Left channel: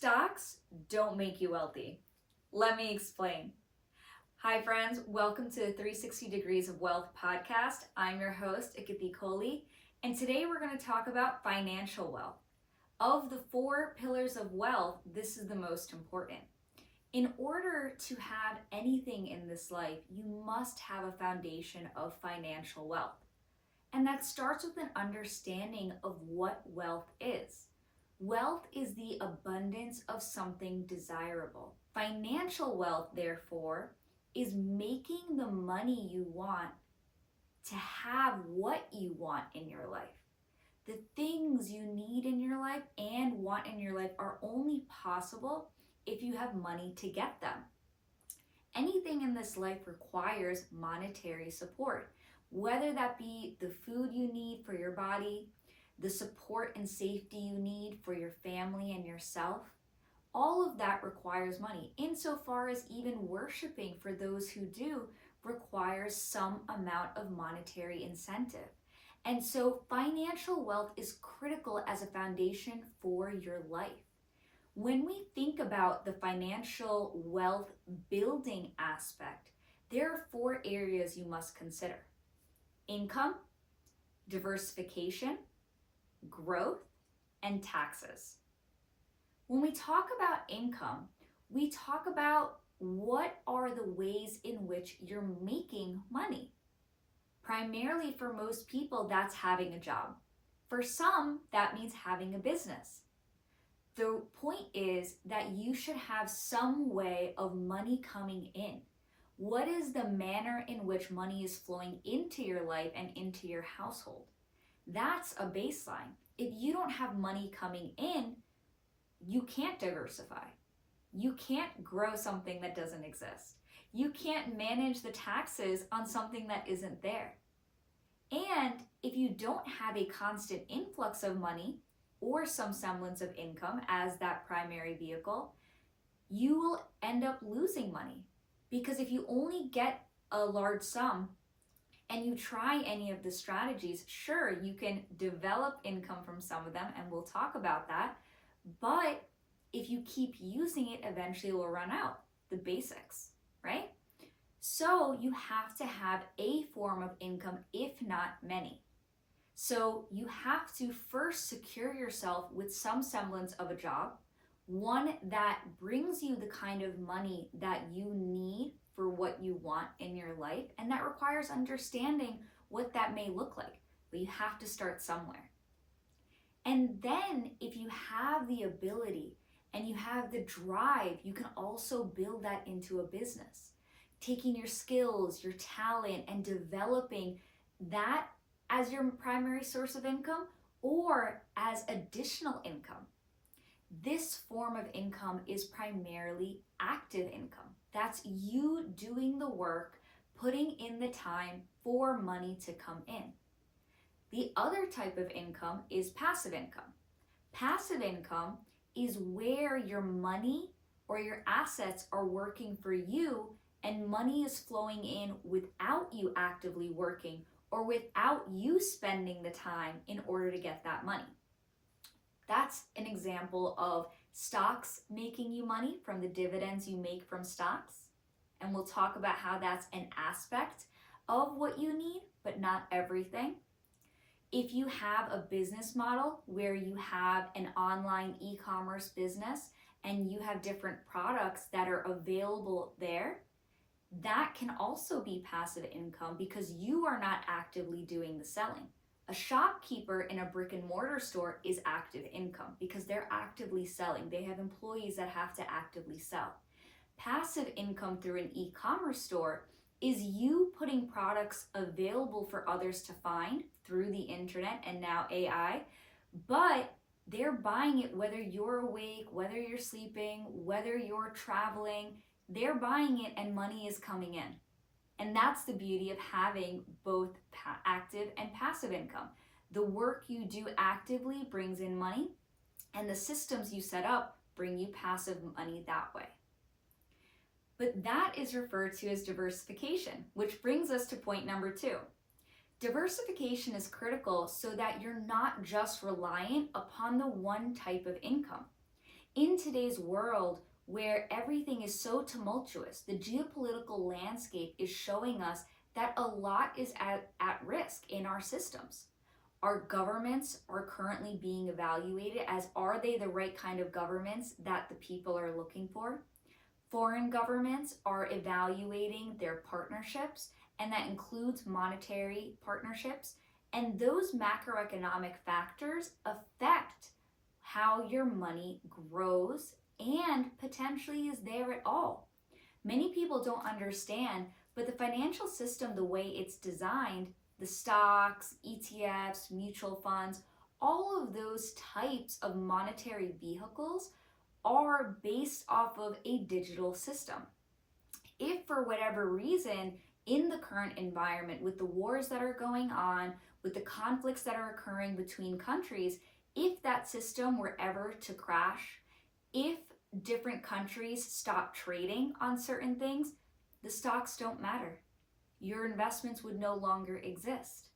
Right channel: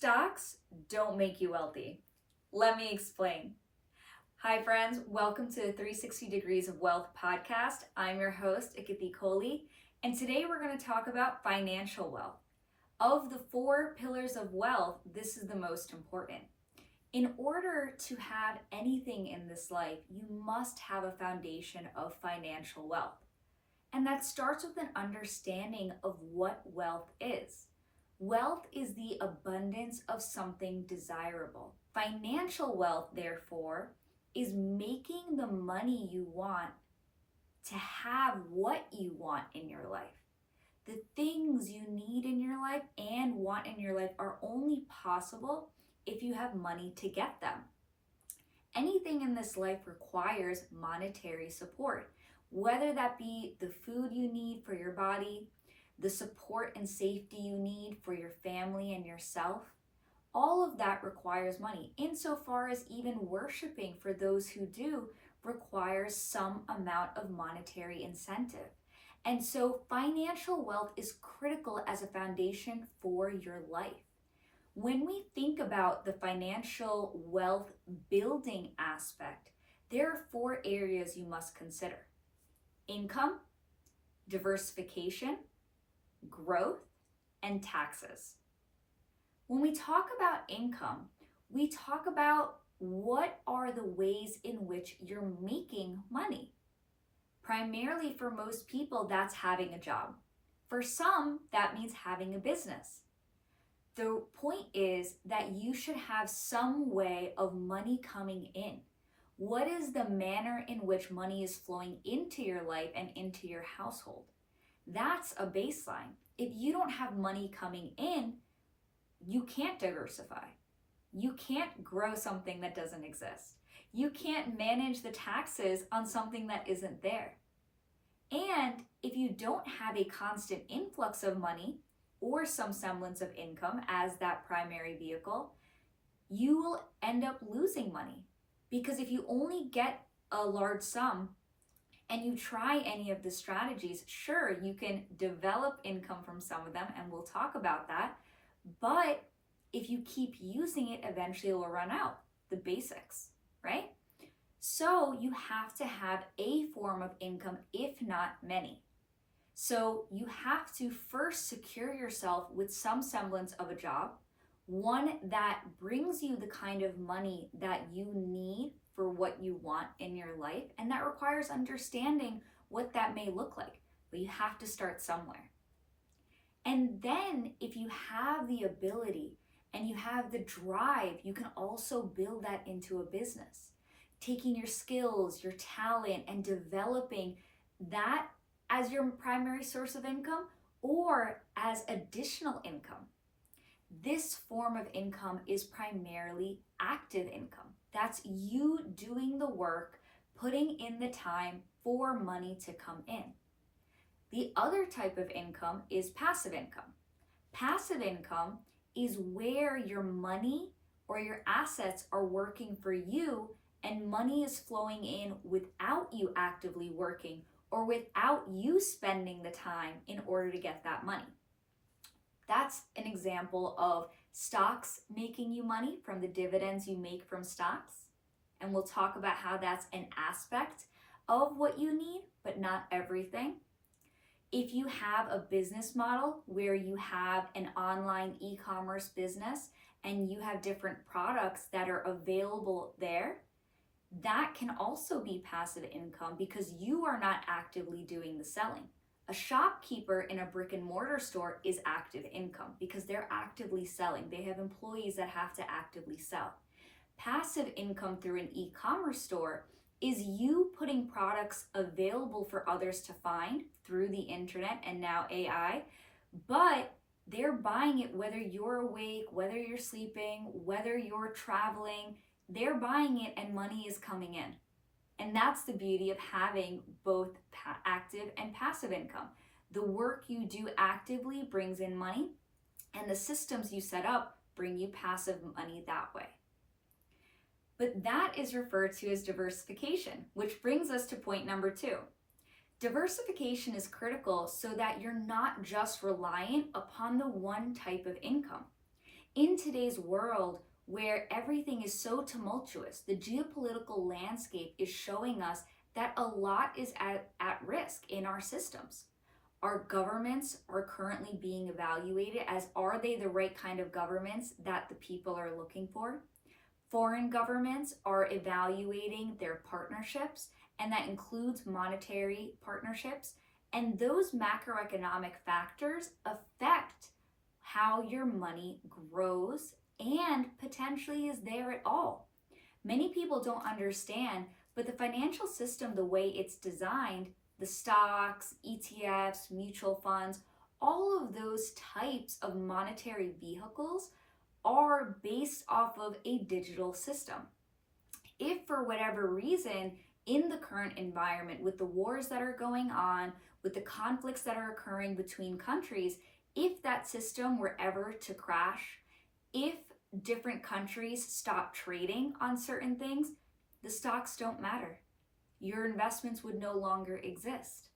Stocks don't make you wealthy. Let me explain. Hi friends, welcome to the 360 Degrees of Wealth podcast. I'm your host, Akiti, and today we're going to talk about financial wealth. Of the 4 pillars of wealth, this is the most important. In order to have anything in this life, you must have a foundation of financial wealth. And that starts with an understanding of what wealth is. Wealth is the abundance of something desirable. Financial wealth, therefore, is making the money you want to have what you want in your life. The things you need in your life and want in your life are only possible if you have money to get them. Anything in this life requires monetary support, whether that be the food you need for your body, the support and safety you need for your family and yourself. All of that requires money, insofar as even worshiping for those who do requires some amount of monetary incentive. And so financial wealth is critical as a foundation for your life. When we think about the financial wealth building aspect, there are 4 areas you must consider: income, diversification, growth, and taxes. When we talk about income, we talk about what are the ways in which you're making money. Primarily for most people, that's having a job. For some, that means having a business. The point is that you should have some way of money coming in. What is the manner in which money is flowing into your life and into your household? That's a baseline. If you don't have money coming in, you can't diversify. You can't grow something that doesn't exist. You can't manage the taxes on something that isn't there. And if you don't have a constant influx of money or some semblance of income as that primary vehicle, you will end up losing money. Because if you only get a large sum and you try any of the strategies, sure, you can develop income from some of them, and we'll talk about that. But if you keep using it, eventually it will run out, the basics, right? So you have to have a form of income, if not many. So you have to first secure yourself with some semblance of a job, one that brings you the kind of money that you need for what you want in your life, and that requires understanding what that may look like. But you have to start somewhere. And then if you have the ability and you have the drive, you can also build that into a business, taking your skills, your talent, and developing that as your primary source of income or as additional income. This form of income is primarily active income. That's you doing the work, putting in the time for money to come in. The other type of income is passive income. Passive income is where your money or your assets are working for you and money is flowing in without you actively working or without you spending the time in order to get that money. That's an example of stocks making you money from the dividends you make from stocks. And we'll talk about how that's an aspect of what you need, but not everything. If you have a business model where you have an online e-commerce business and you have different products that are available there, that can also be passive income because you are not actively doing the selling. A shopkeeper in a brick and mortar store is active income because they're actively selling. They have employees that have to actively sell. Passive income through an e-commerce store is you putting products available for others to find through the internet and now AI, but they're buying it whether you're awake, whether you're sleeping, whether you're traveling, they're buying it and money is coming in. And that's the beauty of having both active and passive income. The work you do actively brings in money, and the systems you set up bring you passive money that way. But that is referred to as diversification, which brings us to point number 2. Diversification is critical so that you're not just reliant upon the one type of income. in today's world where everything is so tumultuous, the geopolitical landscape is showing us that a lot is at risk in our systems. Our governments are currently being evaluated as, are they the right kind of governments that the people are looking for? Foreign governments are evaluating their partnerships, and that includes monetary partnerships. And those macroeconomic factors affect how your money grows and potentially is there at all. Many people don't understand, but the financial system, the way it's designed, the stocks, ETFs, mutual funds, all of those types of monetary vehicles are based off of a digital system. If for whatever reason, in the current environment, with the wars that are going on, with the conflicts that are occurring between countries, if that system were ever to crash, if different countries stop trading on certain things, the stocks don't matter. Your investments would no longer exist.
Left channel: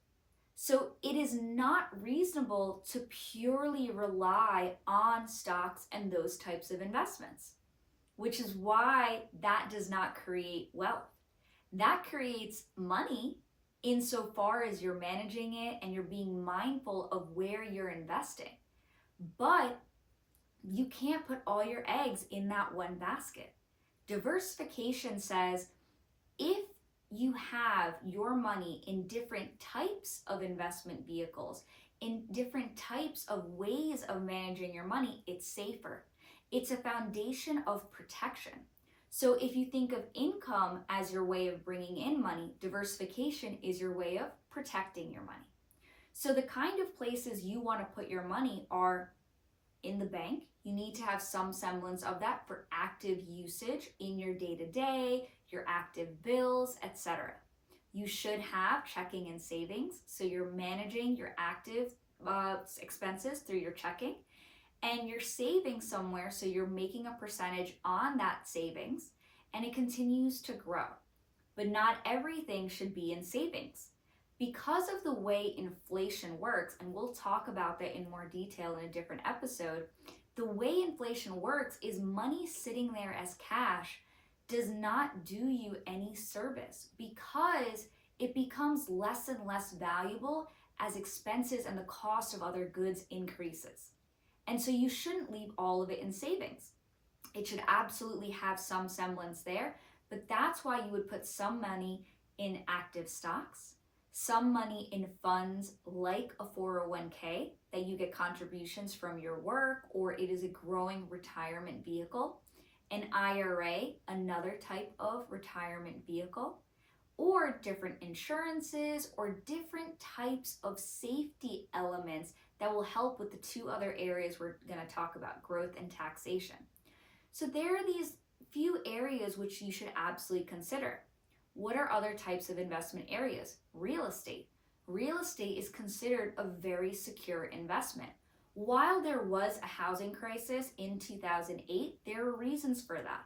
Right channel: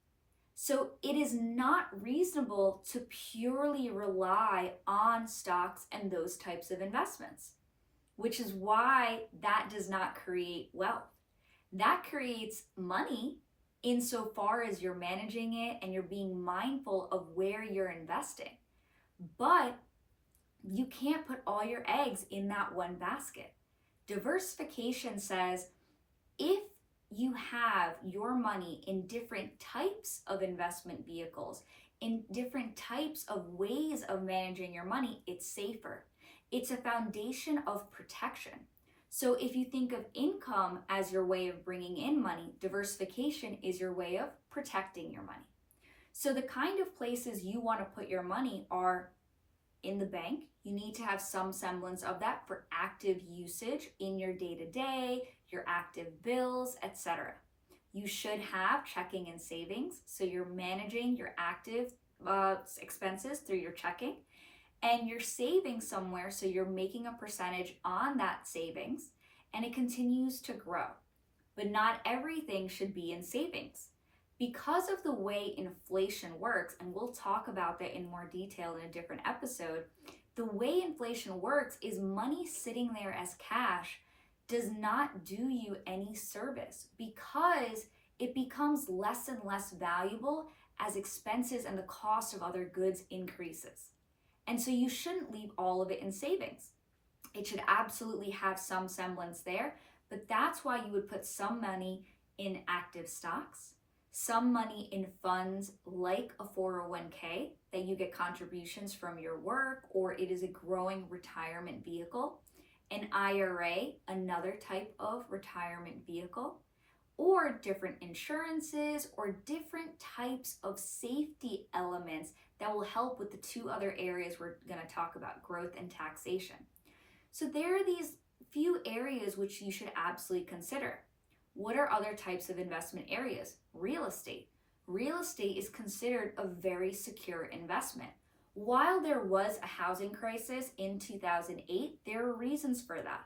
So it is not reasonable to purely rely on stocks and those types of investments, which is why that does not create wealth. That creates money insofar as you're managing it and you're being mindful of where you're investing. But you can't put all your eggs in that one basket. Diversification says if you have your money in different types of investment vehicles, in different types of ways of managing your money, it's safer. It's a foundation of protection. So if you think of income as your way of bringing in money, diversification is your way of protecting your money. So the kind of places you want to put your money are in the bank. You need to have some semblance of that for active usage in your day-to-day, your active bills, etc. You should have checking and savings, so you're managing your active expenses through your checking, and you're saving somewhere, so you're making a percentage on that savings, and it continues to grow. But not everything should be in savings. Because of the way inflation works, and we'll talk about that in more detail in a different episode, the way inflation works is money sitting there as cash does not do you any service because it becomes less and less valuable as expenses and the cost of other goods increases. And so you shouldn't leave all of it in savings. It should absolutely have some semblance there, but that's why you would put some money in active stocks, some money in funds like a 401k that you get contributions from your work, or it is a growing retirement vehicle, an IRA, another type of retirement vehicle, or different insurances or different types of safety elements that will help with the two other areas we're going to talk about, growth and taxation. So there are these few areas which you should absolutely consider. What are other types of investment areas? Real estate. Real estate is considered a very secure investment. While there was a housing crisis in 2008, there are reasons for that.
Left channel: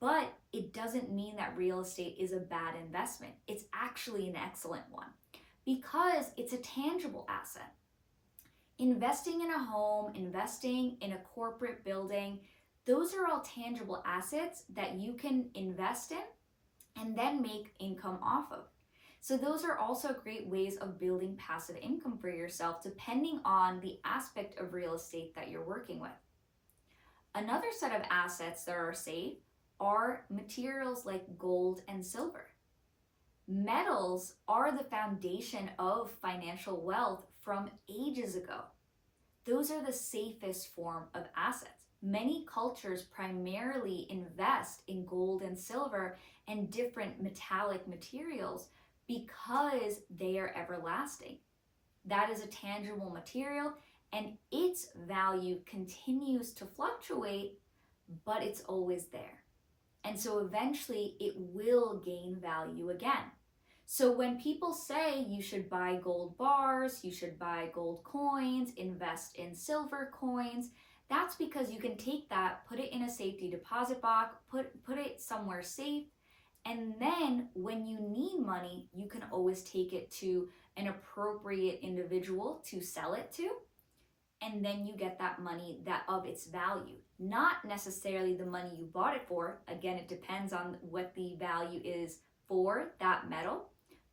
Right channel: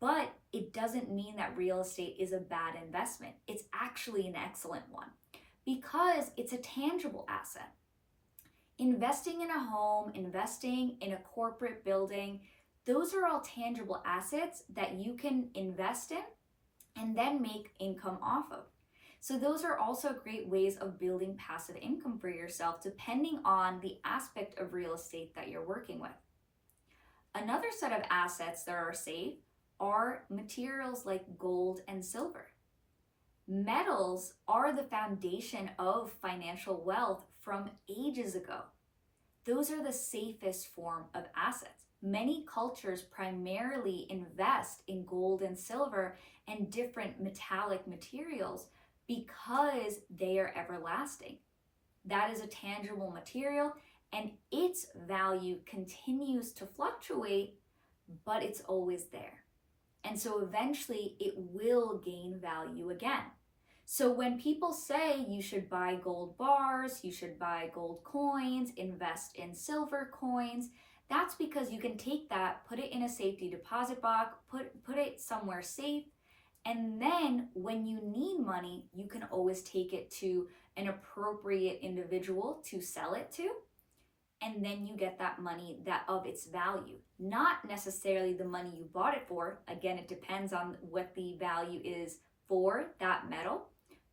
But it doesn't mean that real estate is a bad investment. It's actually an excellent one because it's a tangible asset. Investing in a home, investing in a corporate building, those are all tangible assets that you can invest in and then make income off of. So those are also great ways of building passive income for yourself depending on the aspect of real estate that you're working with. Another set of assets that are safe are materials like gold and silver. Metals are the foundation of financial wealth from ages ago. Those are the safest form of assets. Many cultures primarily invest in gold and silver and different metallic materials because they are everlasting. That is a tangible material and its value continues to fluctuate, but it's always there. And so eventually it will gain value again. So when people say you should buy gold bars, you should buy gold coins, invest in silver coins, that's because you can take that, put it in a safety deposit box, put it somewhere safe, and then when you need money, you can always take it to an appropriate individual to sell it to, and then you get that money that of its value. not necessarily the money you bought it for. Again, it depends on what the value is for that metal,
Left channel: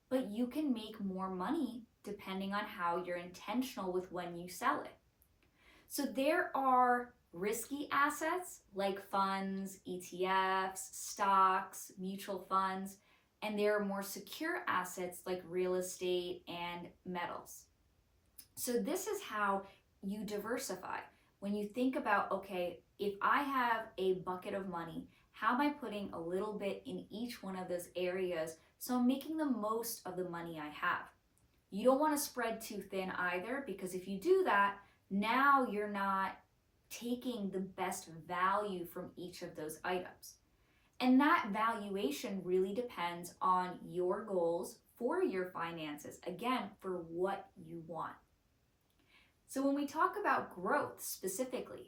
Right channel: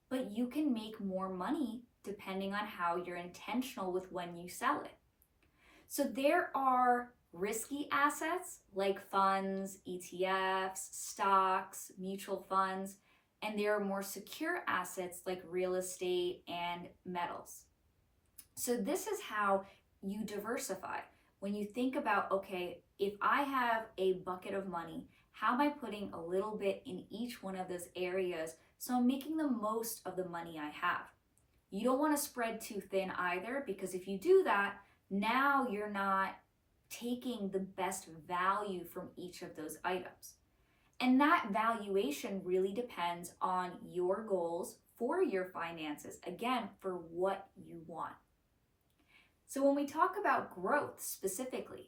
but you can make more money depending on how you're intentional with when you sell it. So there are risky assets like funds, ETFs, stocks, mutual funds, and there are more secure assets like real estate and metals. So this is how you diversify. When you think about, okay, if I have a bucket of money, how am I putting a little bit in each one of those areas so I'm making the most of the money I have? You don't want to spread too thin either, because if you do that, now you're not taking the best value from each of those items. And that valuation really depends on your goals for your finances, again, for what you want. So when we talk about growth specifically,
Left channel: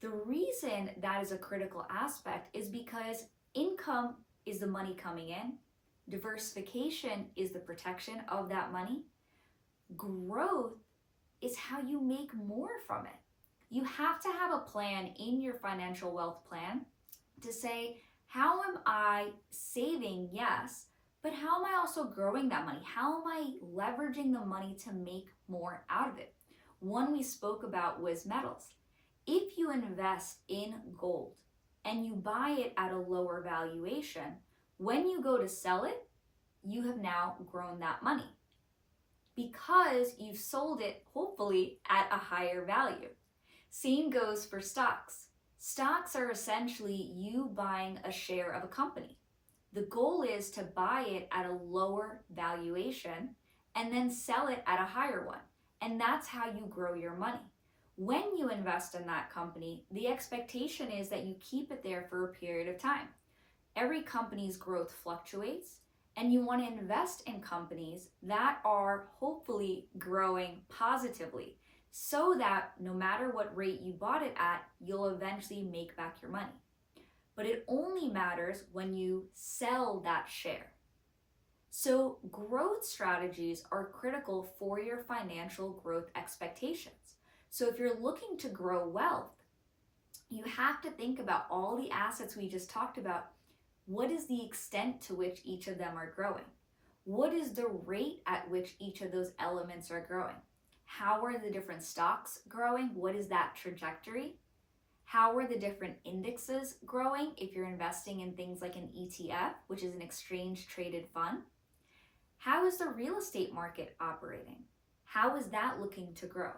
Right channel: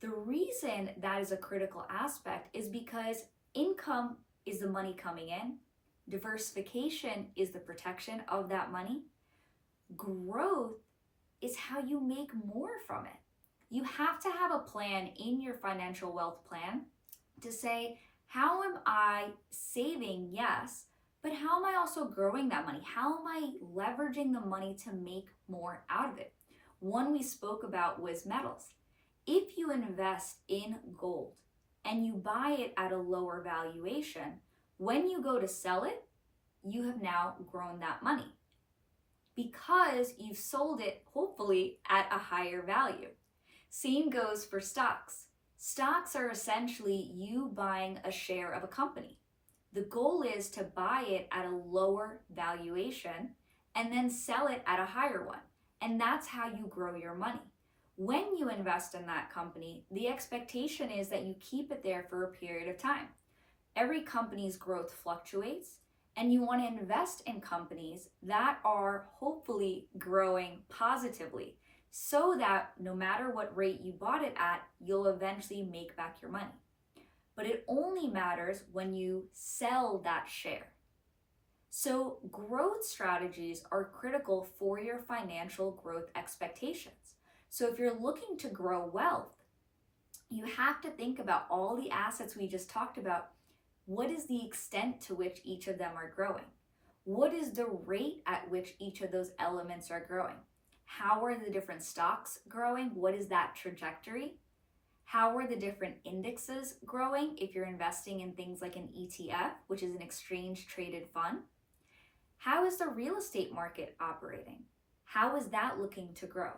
the reason that is a critical aspect is because income is the money coming in, diversification is the protection of that money, growth is how you make more from it. You have to have a plan in your financial wealth plan to say, how am I saving? Yes, but how am I also growing that money? How am I leveraging the money to make more out of it? One we spoke about was metals. If you invest in gold and you buy it at a lower valuation, when you go to sell it, you have now grown that money because you've sold it, hopefully, at a higher value. Same goes for stocks. Stocks are essentially you buying a share of a company. The goal is to buy it at a lower valuation and then sell it at a higher one. And that's how you grow your money. When you invest in that company, the expectation is that you keep it there for a period of time. Every company's growth fluctuates, and you want to invest in companies that are hopefully growing positively so that no matter what rate you bought it at, you'll eventually make back your money. But it only matters when you sell that share. So growth strategies are critical for your financial growth expectations. So if you're looking to grow wealth, you have to think about all the assets we just talked about. What is the extent to which each of them are growing? What is the rate at which each of those elements are growing? How are the different stocks growing? What is that trajectory? How are the different indexes growing if you're investing in things like an ETF, which is an exchange traded fund? How is the real estate market operating? How is that looking to grow?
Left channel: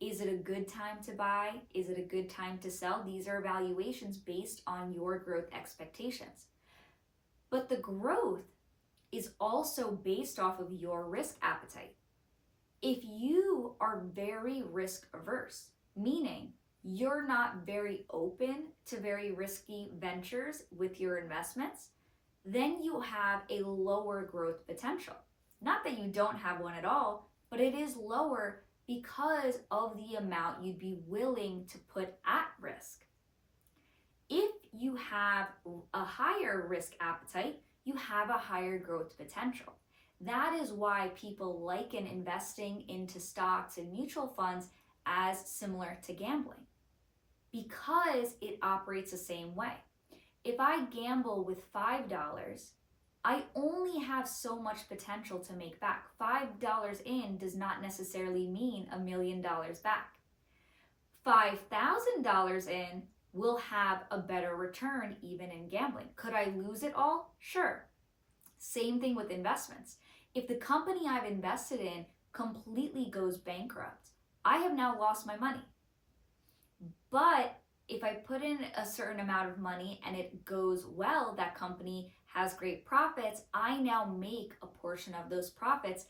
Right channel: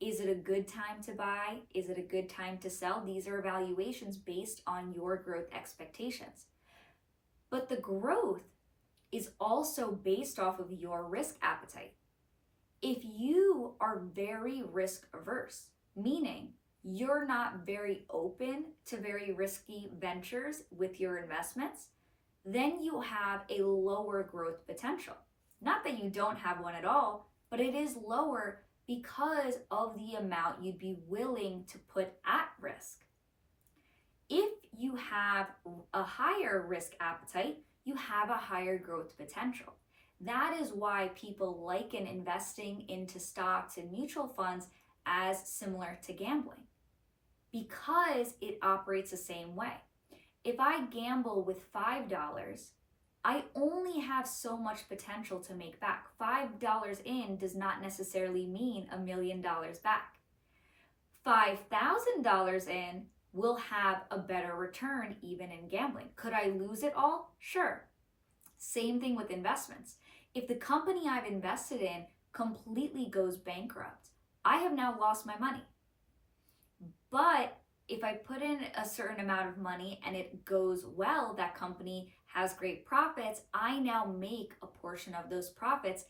Is it a good time to buy? Is it a good time to sell? These are evaluations based on your growth expectations. But the growth is also based off of your risk appetite. If you are very risk averse, meaning you're not very open to very risky ventures with your investments, then you have a lower growth potential. Not that you don't have one at all, but it is lower because of the amount you'd be willing to put at risk. If you have a higher risk appetite, you have a higher growth potential. That is why people liken investing into stocks and mutual funds as similar to gambling, because it operates the same way. If I gamble with $5, I only have so much potential to make back. $5 in does not necessarily mean $1 million back. $5,000 in will have a better return even in gambling. Could I lose it all? Sure. Same thing with investments. If the company I've invested in completely goes bankrupt, I have now lost my money. But if I put in a certain amount of money and it goes well, that company has great profits, I now make a portion of those profits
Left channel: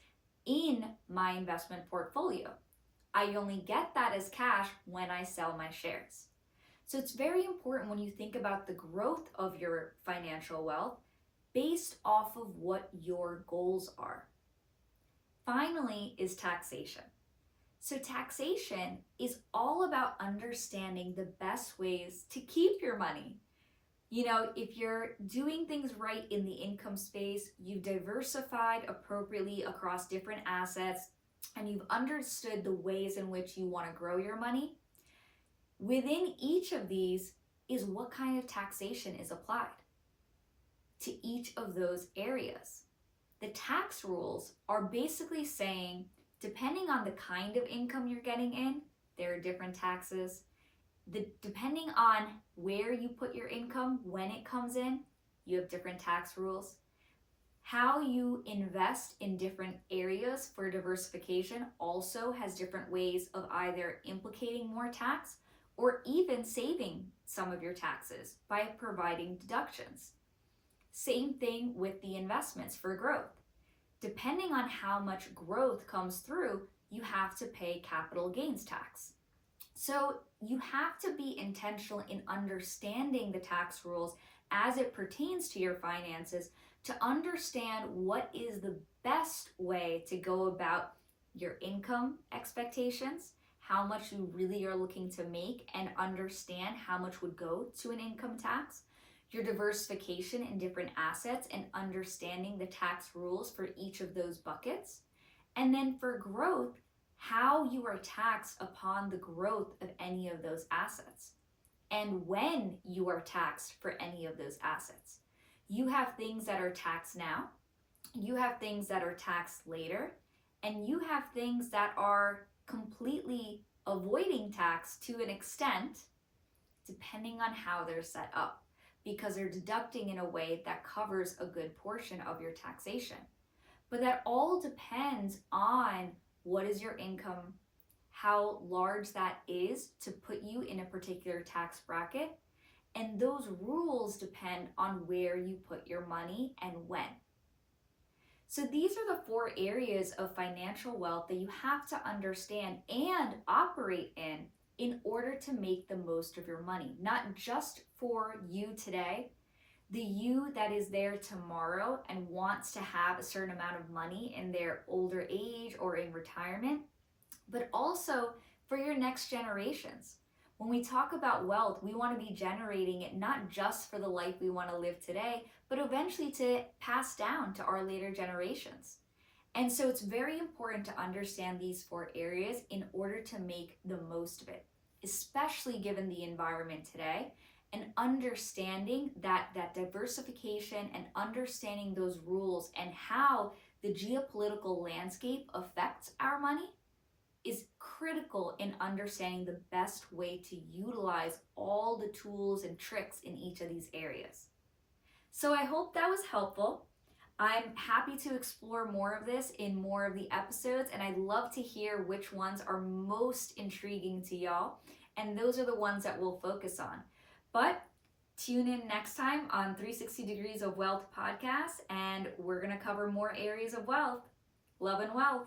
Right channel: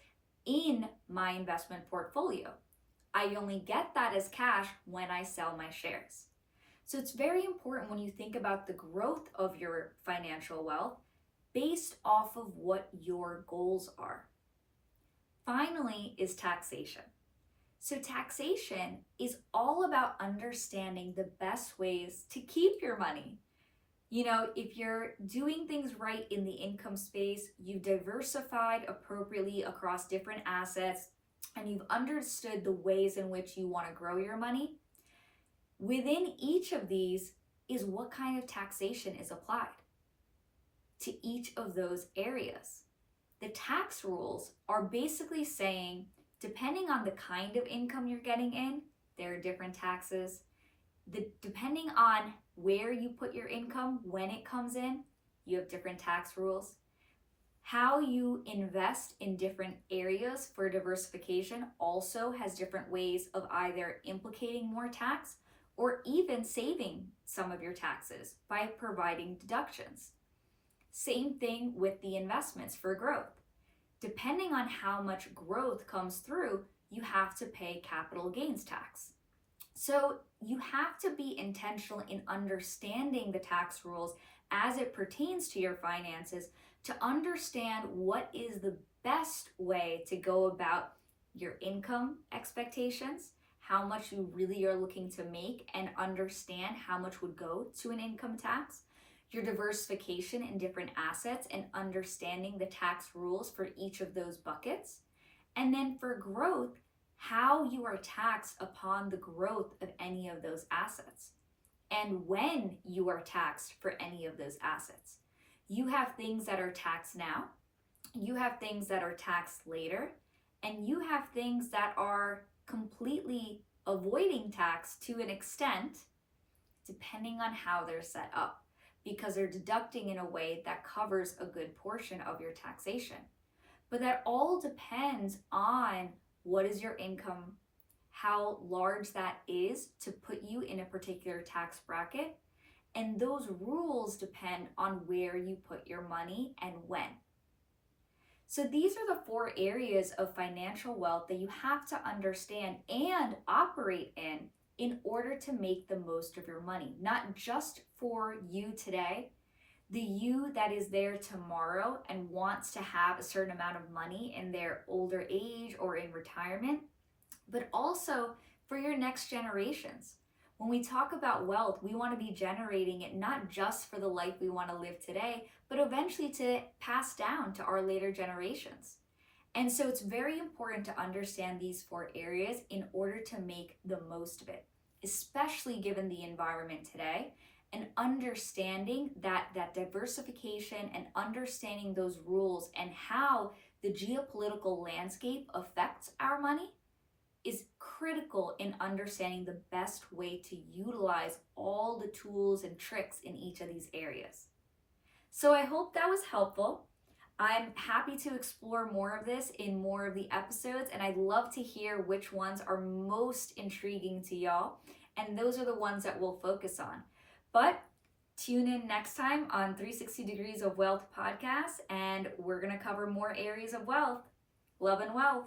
in my investment portfolio. I only get that as cash when I sell my shares. So it's very important when you think about the growth of your financial wealth based off of what your goals are. Finally is taxation. So taxation is all about understanding the best ways to keep your money. You know, if you're doing things right in the income space, you've diversified appropriately across different assets, and you've understood the ways in which you want to grow your money, Within each of these is what kind of taxation is applied to each of those areas. The tax rules are basically saying, depending on the kind of income you're getting in, there are different taxes. Depending on where you put your income, when it comes in, you have different tax rules. How you invest in different areas for diversification also has different ways of either implicating more tax or even saving some of your taxes by providing deductions. Same thing with the investments for growth. Depending on how much growth comes through, you have to pay capital gains tax. So you have to be intentional in understanding the tax rules as it pertains to your finances to understand what is the best way to go about your income expectations, how much you really are looking to make, and understand how much would go to an income tax, your diversification in different assets and understanding the tax rules for each of those buckets. And then for growth, how you are taxed upon the growth of any of those assets and when you are taxed for any of those assets. You have things that are taxed now, you have things that are taxed later, and you have things that are completely avoiding tax to an extent, depending on how they're set up, because they're deducting in a way that covers a good portion of your taxation. But that all depends on what is your income, how large that is to put you in a particular tax bracket, and those rules depend on where you put your money and when. So these are the 4 areas of financial wealth that you have to understand and operate in order to make the most of your money, not just for you today, the you that is there tomorrow and wants to have a certain amount of money in their older age or in retirement, but also for your next generations. When we talk about wealth, we want to be generating it not just for the life we want to live today, but eventually to pass down to our later generations. And so it's very important to understand these 4 areas in order to make the most of it, especially given the environment today, and understanding that diversification and understanding those rules and how the geopolitical landscape affects our money is critical in understanding the best way to utilize all the tools and tricks in each of these areas. So I hope that was helpful. I'm happy to explore more of this in more of the episodes, and I'd love to hear which ones are most intriguing to y'all, and those are the ones that we'll focus on. But tune in next time on 360 Degrees of Wealth podcast, and we're going to cover more areas of wealth. Love and wealth.